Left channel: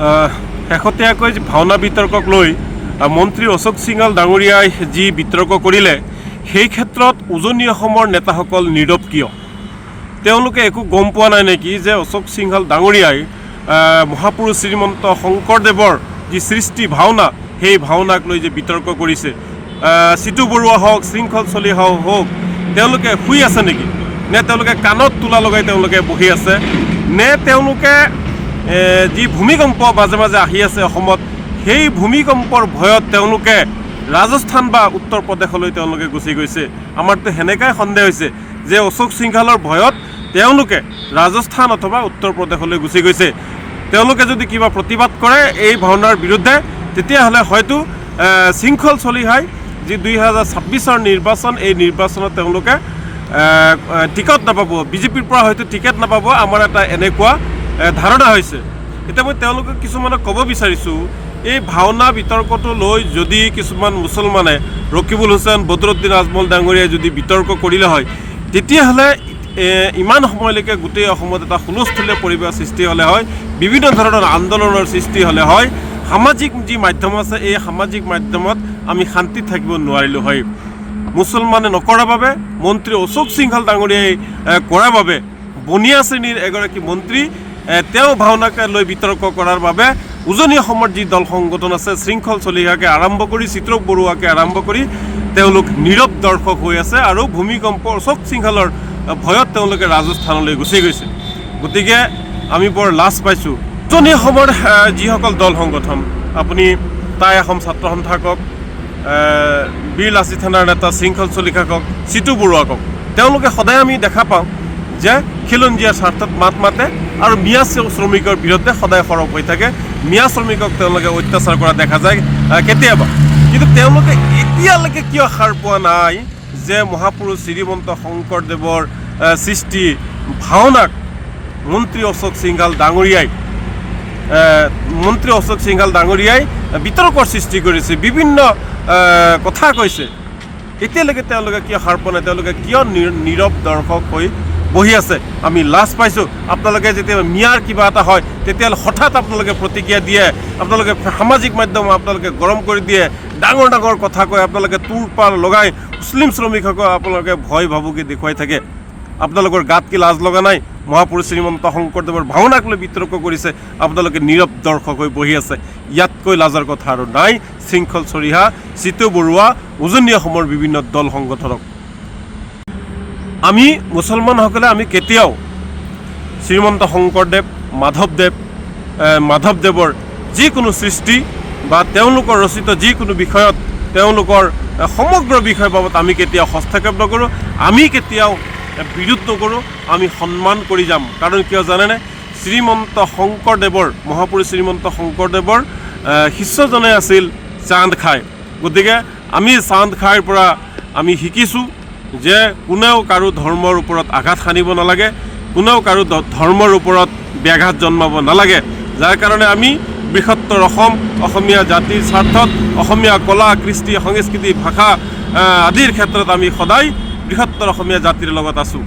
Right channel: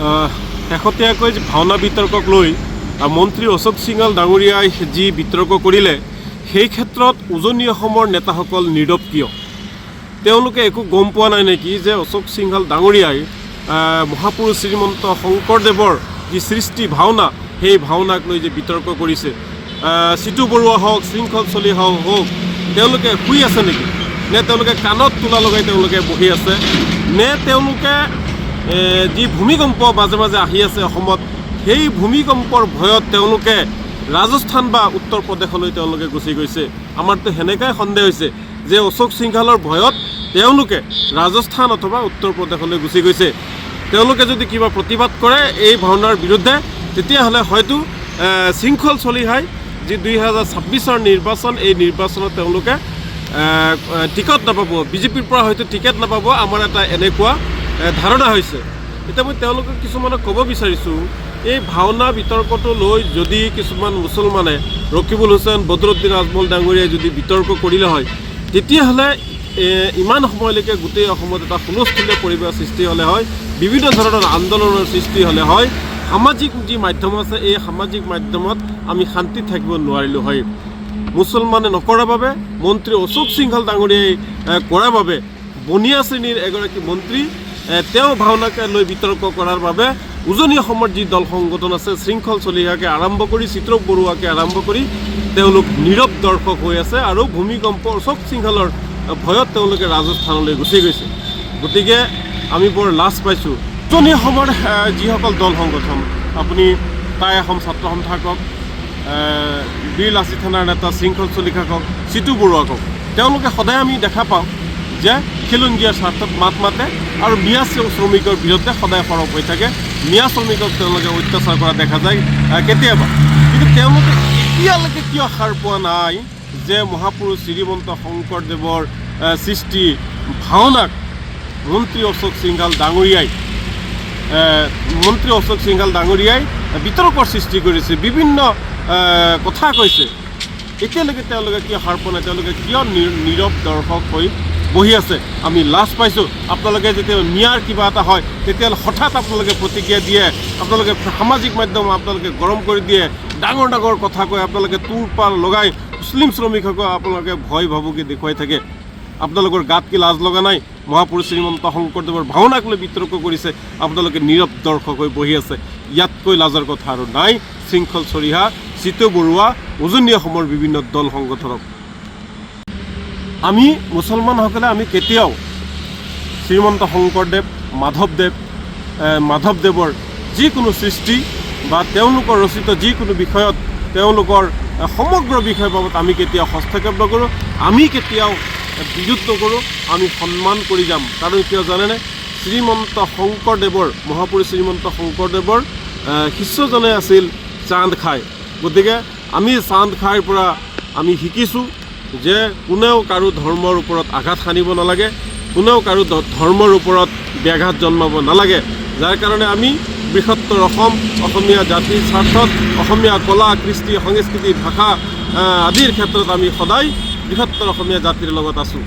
শেহতীয়াকৈ ভাওনা বিতৰ্কক লৈ মন্ত্ৰী অশোক সিংহাল ডাঙৰীয়াই যি বিতৰ্ক কৰিলে সেই ক্ষেত্ৰত উজনি অসমৰ নেতাসকল নীৰৱ কিয়? তেওঁলোকে একো গম পোৱা নাই নেকি যে অশোক সিংহাল ডাঙৰীয়াই মহাপুৰুষ শ্ৰীমন্ত শংকৰদেৱৰ যি সৃষ্টি ভাওনা সেই ভাওনাক লৈ যে বিতৰ্ক কৰিছে, চিতু বৰুৱা হওক, শৃংখল চলিহা হওক, তেওঁলোকে শুই আছে নেকি? নে তেওঁলোকে কাণত তোলা লগাই তেওঁলোকে বহি আছে? নে তেওঁলোকে যি ভূমিকম্প মাজে মাজে আহি আছে অসমত, সেই ভূমিকম্পৰ ভয়ত তেওঁলোকে ৰাজস্থান বা উত্তৰ প্ৰদেশলৈ তেওঁলোকে গুচি গৈছে? আমাৰতো সেনেকাই সন্দেহ হৈছে যে অশোক সিংহালৰ ভয়ত তেওঁলোকে ৰাজস্থান অথবা উত্তৰ প্ৰদেশলৈ গুচি গৈছে। তেওঁলোকে যদি কিবা প্ৰতিবাদ কৰে এই ভাওনাৰ বিৰুদ্ধে, তেতিয়াহ'লে হয়তো শৃংখল চলিহাই যি 2026 নিৰ্বাচন, এই নিৰ্বাচনত তেওঁলোকে টিকট নাপাব, বিজেপিৰ পৰা হয়তো টিকেট নাপাব, আমাৰ এটা এনেকুৱা ধাৰণা হৈছে। এতিয়া মই তেওঁলোকক কিছুমানক ক'ব বিচাৰিছোঁ, এই ভাওনা বিতৰ্কটো লৈ যদি কিছুমান মুছলমানে ৰকিবুল হুছেইন, বদৰুদ্দিন আজমল ডাঙৰীয়াই যদি বিতৰ্ক কৰিলে হয়, তেতিয়াহ'লে ইমান সময়লৈকে গোটেই অসমত এটা হুলস্থুলীয়া পৰিৱেশ সৃষ্টি হ'লে হয়, বিভিন্ন ধৰণৰ আন্দোলনৰ সৃষ্টি হ'লে হয়, সামাজিক যি মাধ্যম আছে এই সামাজিক মাধ্যমত আমি শান্তিত থাকিব নোৱাৰিলোঁ হয়। মুছলমানে নকৰাৰ বাবে, মন্ত্ৰী অশোক সিংহাল ডাঙৰীয়াই কৰাৰ বাবে, বনিয়া শ্ৰেণীৰ এগৰাকী মন্ত্ৰী তেওঁ ভাওনাকে লৈ বিতৰ্ক কৰাৰ বাবে উজনি অসমৰ যি দল সংগঠন আছে, শৃংখল চলিহাকে আৰম্ভ কৰি চিত্ৰ বৰুৱাকে আৰম্ভ কৰি তেওঁলোক নীৰৱ দৰ্শক হৈ আছে আৰু ভূমিকম্প অশোক সিংহালৰ ভয়ত তেওঁলোকে ৰাজস্থানলৈ গুচি গৈছে। গতিকে আমি বৰ লাজ পাইছোঁ। উজনি অসমৰ যিসকল দল সংগঠন, আপুনি টাই অসম ছাত্ৰ সন্থা কওক, বীৰ লাচিত থানাৰ নেতা শৃংখল চলিহা কওক, চিতু বৰুৱা কওক, তেওঁলোকে সদায় আমি দেখা পাওঁ যে খিলঞ্জীয়াৰ স্বাৰ্থত মাত মাতে আৰু মিয়া শ্ৰমিকৰ বিৰুদ্ধে সদায় সৰব হৈ থাকে। মিয়া শ্ৰমিকক তেওঁলোকে অত্যাচাৰ কৰা দেখা যায় কেতিয়াবা, কিন্তু তেওঁলোকে এতিয়ালৈকে কিয় সাৰ পোৱা নাই যে মহাপুৰুষ শ্ৰীমন্ত শংকৰদেৱৰ সৃষ্টি ভাওনাক মন্ত্ৰী অশোক সিংহাল ডাঙৰীয়াই বিতৰ্কৰ সৃষ্টি কৰিছে, বিভিন্ন কথা কৈছে। এতিয়ালৈকে তেওঁলোকে কিয় সাৰ পোৱা নাই? তেওঁলোকে কিয় নীৰৱ দৰ্শক হৈ বহি আছে? আমি লাজ পাইছোঁ। আপোনালোকে যেতিয়া মিয়াৰ কিবা এটা হয় তেতিয়াহ'লে হঠাৎ আপোনালোকে প্ৰতিক্ৰিয়া দিয়ে, আপোনালোকে সামাজিক মাধ্যম আপোনালোকে গৰম কৰি দিয়ে, ডাঙৰ ডাঙৰ কথা কয়, আপোনালোকে তোৰ পাৰ লগাই মুছলিম শ্ৰমিকসকল আপোনালোকে ভয় ভাবুকি দেখুৱাই থাকে। আপোনালোকৰ গাত কি লাজ লগা নাই? মহাপুৰুষ শ্ৰীমন্ত শংকৰদেৱৰ ভাওনাক লৈ বিতৰ্ক কৰিছে, আপোনালোকে নীৰৱ দৰ্শক হৈ বহি আছে। ইয়াতকৈ লাজৰ কথা আৰু নাই। শৃংখল চলিহা, চিতু বৰুৱা, উজনি অসমৰ বিভিন্ন দল সংগঠনক আমি মুছলমানসকলে আমি কেতিয়াও শ্ৰীমন্ত শংকৰদেৱ, মাধৱদেৱৰ যিকোনো সৃষ্টি বা তেওঁলোকৰ ৰচিত যিকোনো বিষয়ত, তেওঁলোকৰ সমগ্ৰ বিষয় বাবদ আমি কেতিয়াও হস্তক্ষেপ নকৰোঁ, আমি কেতিয়াও বিৰোধ নকৰোঁ, আমি সন্মান কৰি যাম। কাৰণ কিয় জানেনে? শ্ৰীমন্ত শংকৰদেৱৰ, মহাপুৰুষ শ্ৰীমন্ত শংকৰদেৱৰ শিষ্যজনে আছিল চান্দ খাই। গতিকে আমি চান্দ খাইৰ পৰা আমি শিকিছোঁ যে কোনেও কাৰো ধৰ্মৰ ওপৰত আঘাত সানিব নালাগে, কোনেও কাৰো ধৰ্মৰ ওপৰত ব্যাঘাত জন্মাব নালাগে। যাৰ কাৰণে আমি বৃহত্তৰ অসম, অসমীয়া জাতিৰ স্বাৰ্থত, অসমীয়া কলা, কৃষ্টি, সংস্কৃতি, ভাষা আদিৰ ক্ষেত্ৰত আমি সদায় বৃহত্তৰ অসমীয়া জাতিৰ লগত আছোঁ।